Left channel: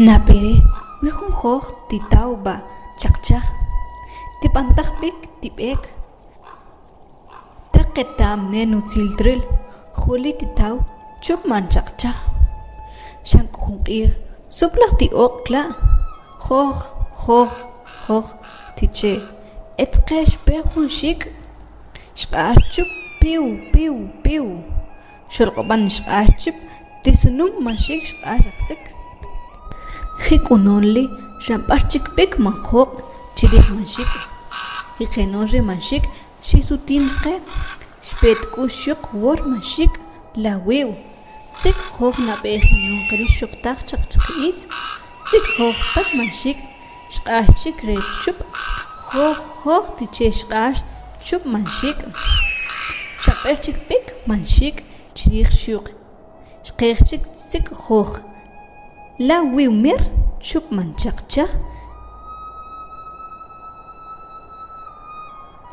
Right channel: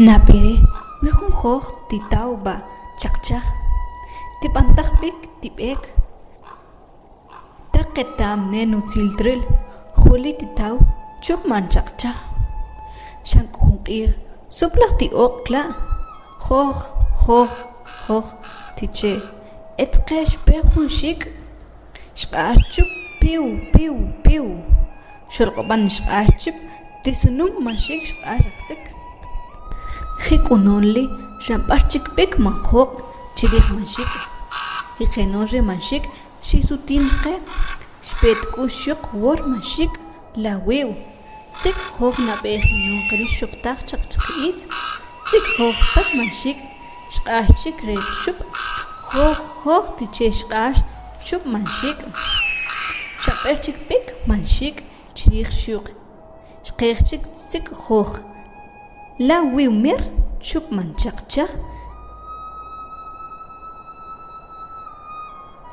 Napere, wihun hoch ti tauba, chak. Ti pantahpik tipek. Taketam nenu tiltril, huli ti tau, chup man chak. Shank hunkir, suplak ti okla. Hoch, ti che. Et kesh behun shik. Shkachup, piu. Shulqoban shkachup, tisunum mashik shkachaksik. Hikunonli, ramparchik pek manjok, chirih manshik. Hikenonri manshik, shisutinke, shpet kushuk wor manshik, la wiu. Sik hog na behinon kari shuktak chakchakit, sik hog pach manshik, shkashik re chup, hog tiche shkash, chup manshik. Shaperchik pek manshik, chirih shuk. Shkechik sik hog. La wiu mir, chup man chak.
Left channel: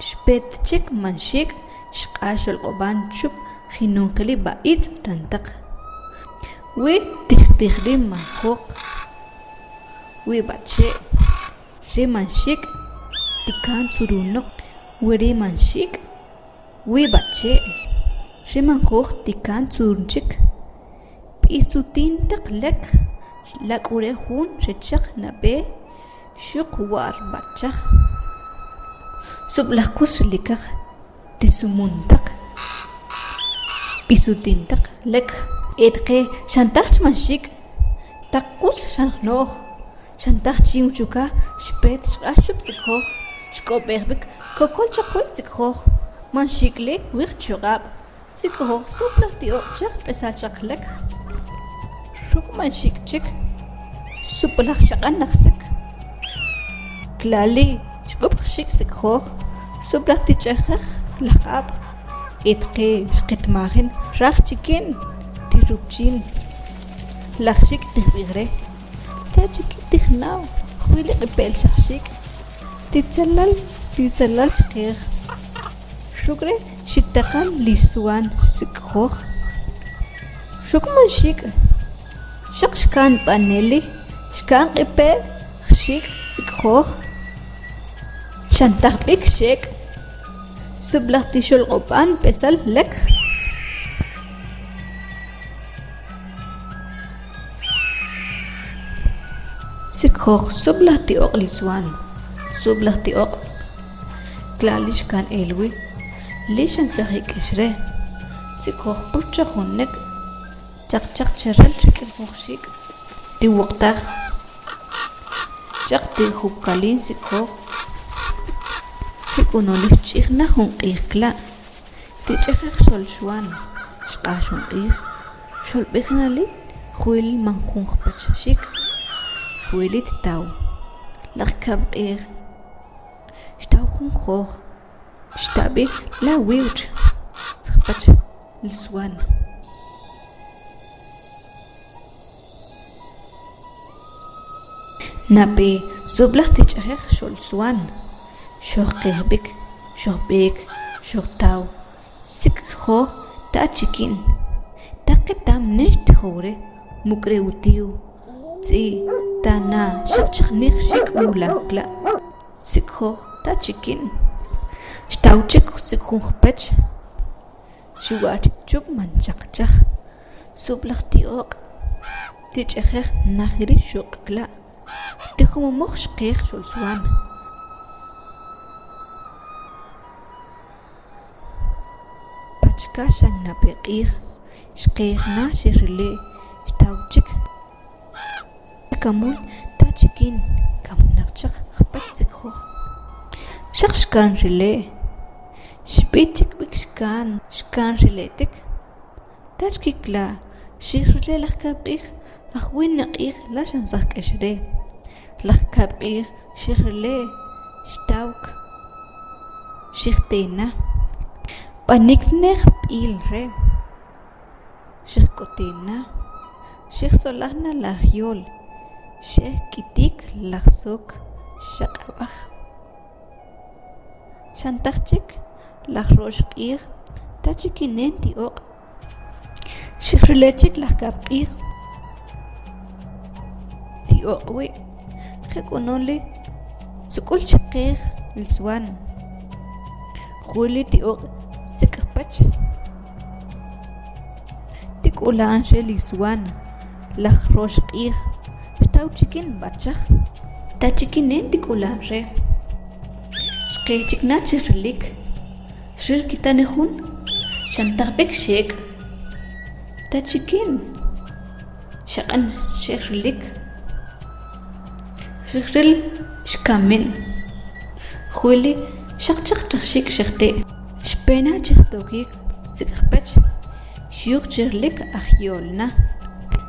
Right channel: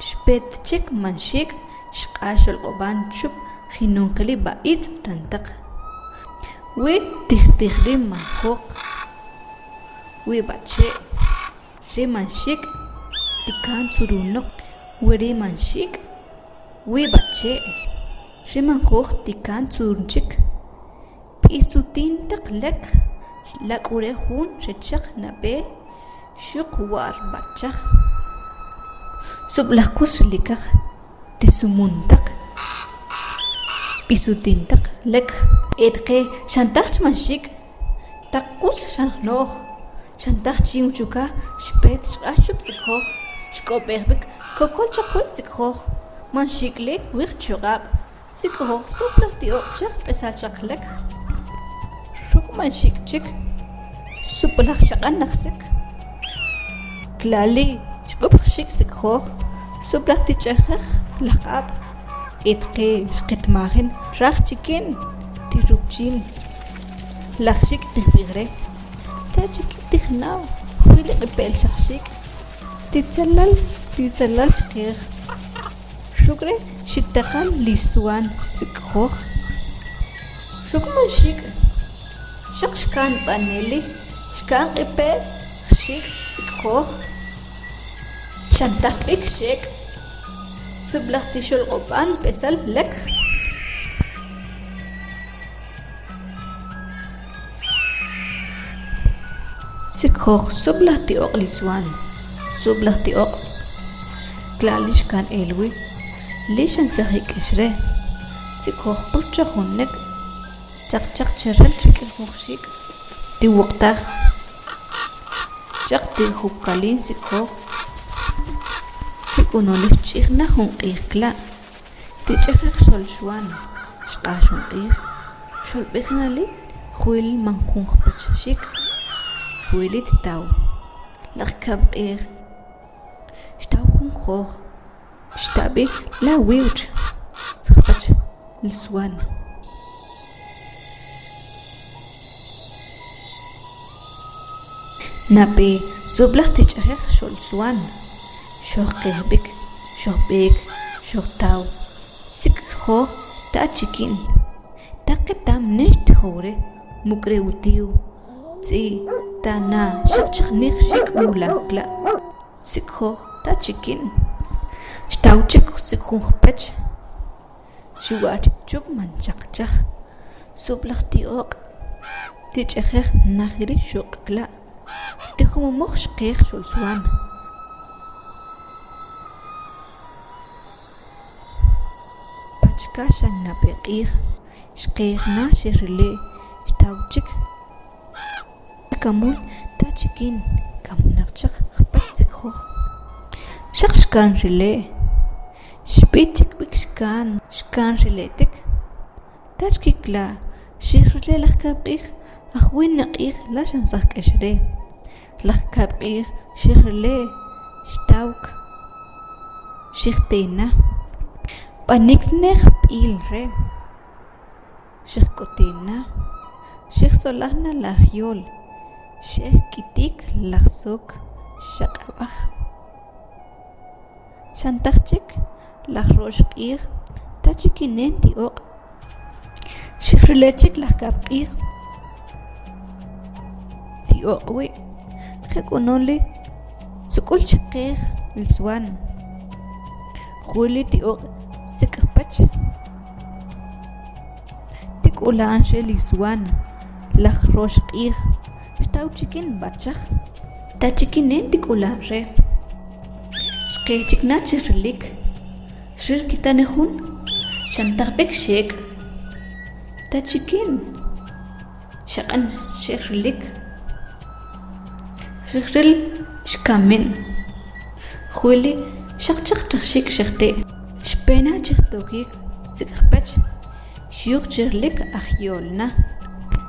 Shpetchik manshik, shkashol oban chup, hinunkali baitz tantak. We tihtihrim manhok. We bache. Re manshik, tikan surunok. We re manshik. We bache. Re manhok tikan surunchik. Pisutintak lek. Lak urehun rechak nabe shuk war bachak. Sublakus likak tisumuntak. Pisutintak lek etke shantach manshik. Takus shannoh. Shantach chiuchuka shpet shashup sikho. Shkoberbik kokol chakwit sikho. Manshikle wich chugab. Sikho sublak ti okchak pesachak lek. Manshik chik suplak shakan naksik klali shkup shik sikho suplak tichakh lakab etqe shqitmahin raq chikin tirupchin lakshik tibigre ta chikin tikhnaw khwili qipel shik titsallal shqir shukre shittaqan lisuan sikho shukmanshik Shkan paneli, shkan ipe, shik, sikhoch. Shantapik shik. Sublachti opan pesal lek. Sikhoch sublachti ok liswan. Sublachti ok. Klali shkan elwi. Lishan sahik ishre. Sikhoch pucha hunnek. Chak cheral shikil hoxik ti waqtaq chaq ti hukalin sikho hikunoli chikhna hunqikla ti chekh sol shwan shqashun qik shol bekhnali khwil mankhun khpach shik khwilit taw laqkab qik shtaw khun khokh shtabi la wiuch khpach liswan Nape sublach tichahek shol swan shoh qehbik shoh bek shoh taw sik kho ta chikin taketam nesh khore mukre utiu tsi tana shachkhnikh shik mulakla sik kho ta chikin shtawchik sik khpach shiwat chup man chakchakh sublach tiok tichahek nakhiri shokla Tikhum moch shqeekh shol swan. Pachka shan napeqeekh. Shqeekh na shirile. Shtawchik. Kamun tachikin. Kamunakchak khpat zikhokh. Shkan rile. Shpichik bik shkan. Shkan rile tik. Tachkikla. Shirile lakabqeekh. Akhwin naqeekh la shan sakashre. Lakabir, shirle, stauk, shirtena, panikner pilre, shirkotena, shirsolahna lahiol, shirkitik lahsok, shakabach, shantarchik, lahroshkir, tachikinenti ok, shirlechik lakabir, tioqwi qeqonoli sukul chaqej lswan khuli tioq sikpach tikulanche liswan laj rosh q'ij taw chikin bachaj ta chikinen tikulan re xqechikna chirlik shir kitanejun chantaqbek shek ta chikin shaqan shekrilik shikril shkamen khuli shaqchaq taqshik shaqte shpena chiqtokik sikpach shiuq chirlik ajyolna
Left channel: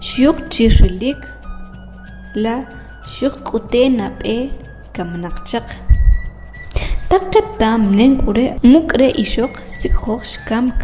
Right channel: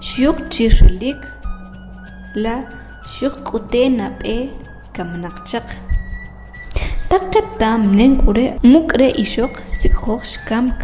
shiuq chirlik la shiuq k'utena b'e kamnaqchaq taqetam nenk'ure muk're ixoq sikjoj xkamk